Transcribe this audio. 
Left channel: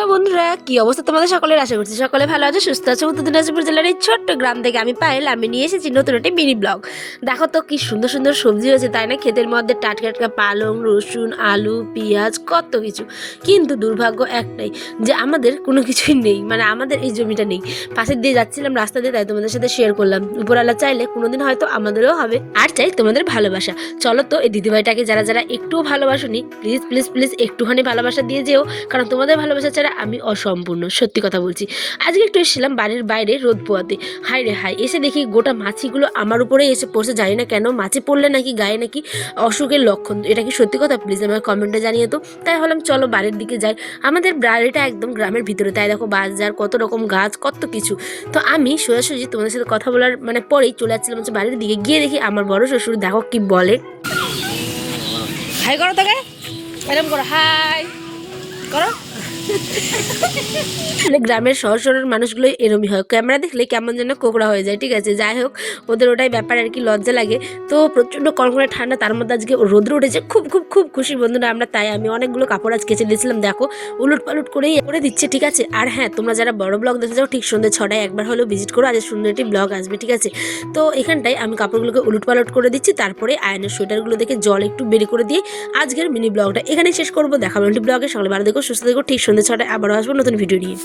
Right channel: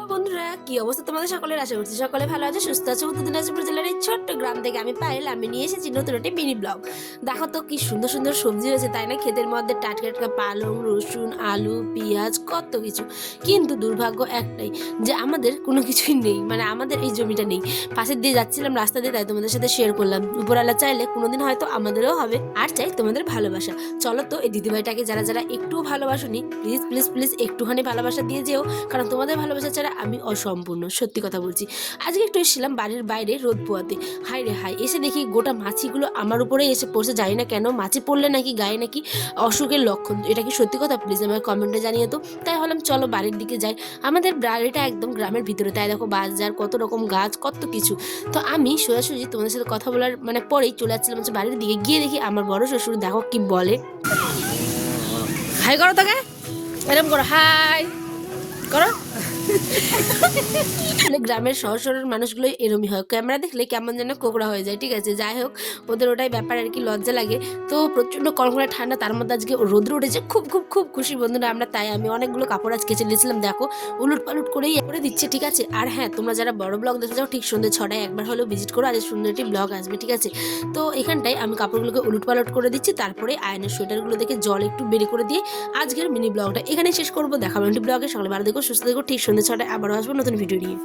Hello বন্ধুরা, কি অবস্থা তোমাদের সকলের? আশা করছি সকলে ভালো আছে, সুস্থ আছে। উত্তর দিনাজপুর জেলার এই ছোট্ট গ্রাম থেকে আমি পায়েল, আমি নিয়ে এসেছি নতুন একটি মিনি ব্লগ। দেখো তো কি সুন্দর সুন্দর সবজি হয়েছে, তাই না? ক্ষেতের মধ্যে টাটকা টাটকা পালং, রসুন, আলু, পেঁয়াজ, কত কিছু। কিন্তু দুর্ভাগ্য একটাই, যে আমাদের কোনো কিছুই নেই, মানে আমাদের এই জমিটা নেই। পাশের দিয়ে যাচ্ছিলাম রাস্তা দিয়ে, তাই তোমাদের সাথে শেয়ার করলাম। উপরওয়ালা চাইলে কোনোদিন হয়তো আমাদেরও হবে। আর চাই তোমাদের ভালোবাসা। চলো তো এই দিদিভাইটাকে যারা যারা একটুও ভালোবাসোনি, প্লিজ প্লিজ প্লিজ একটুখানি ভালোবাসা দিয়ে যেও, কারণ তোমাদের ভালোবাসা ছাড়া আমি অসম্পূর্ণ। সত্যি কথা বলছি। আজকে একটু এসেছিলাম বাড়ির বাইরে রোদ পোয়াতে। হাই রে হাই, এসে দেখি গোটা মাছিগুলো আমার উপরেই এসে পড়ছে। জানি না কেন, মাছি পড়লে নাকি গায়ে নাকি অসুখের লক্ষণ। এটা কি সত্যি কথা? প্লিজ আমার কমেন্টে জানিয়ে তো। তাই হলাম চলো বাড়ির দিকে যাই। আমাদের বাড়িটা একদম গ্রামের ভিতরে, তাই দেখো বাজার, কত রকম গাছ, কত কিছু। তো আমি সোজাসুজি তোমাদের সাথে কথা বলার মানে পরেই চলে যাচ্ছিলাম হচ্ছে বাড়ির দিকে। গিয়ে দেখি আমার বড় শ্বশুর, দেখো কি বলে। হাই করো তোকে, এরকম করো, হাই করো। গ্রামের শহর শহরের মানুষগুলো এরমই হয়, ক্যামেরা দেখলে কেমন যেন কোকড়া হয়ে যায়। ঠিক আছে, যাই হোক, ওদের ওটাই ব্যাপার আর কি, লজ্জা লাগে। তো প্রচন্ড কনকনে ঠান্ডা, তার মধ্যে আজকে রোদ্র উঠেছে। খুব খুব খুব খুশি বন্ধুরা আমরা। তাই আমি অনেকগুলো কাপড় আজ কেচে দিয়েছিলাম, দেখো উলট পালট করেই করে দিচ্ছে। ঠিক আছে, আর হ্যাঁ, তোমরা যারা বড় ব্লগ দেখতে চাও ঠিক সন্ধ্যে 6টায় একবার হলেও ভিজিট করো, আজ সুন্দর একটি ব্লগ আসবে। ঠিক আছে, তো এখানটায় আমি কাপড়গুলোকে উলট পালট করে দিচ্ছি, তারপরে আয়নের সোয়েটারগুলো দেখে জল একটু বের করে দিয়ে আজকের মিনি ব্লগটা এখানে শেষ করবো। দেখাবো একটি ব্লগে। সকালে ভালো দেখো, সুস্থ দেখো। ঠিক সন্ধ্যে 6টায় আবারও আসবো নতুন ভিডিও নিয়ে।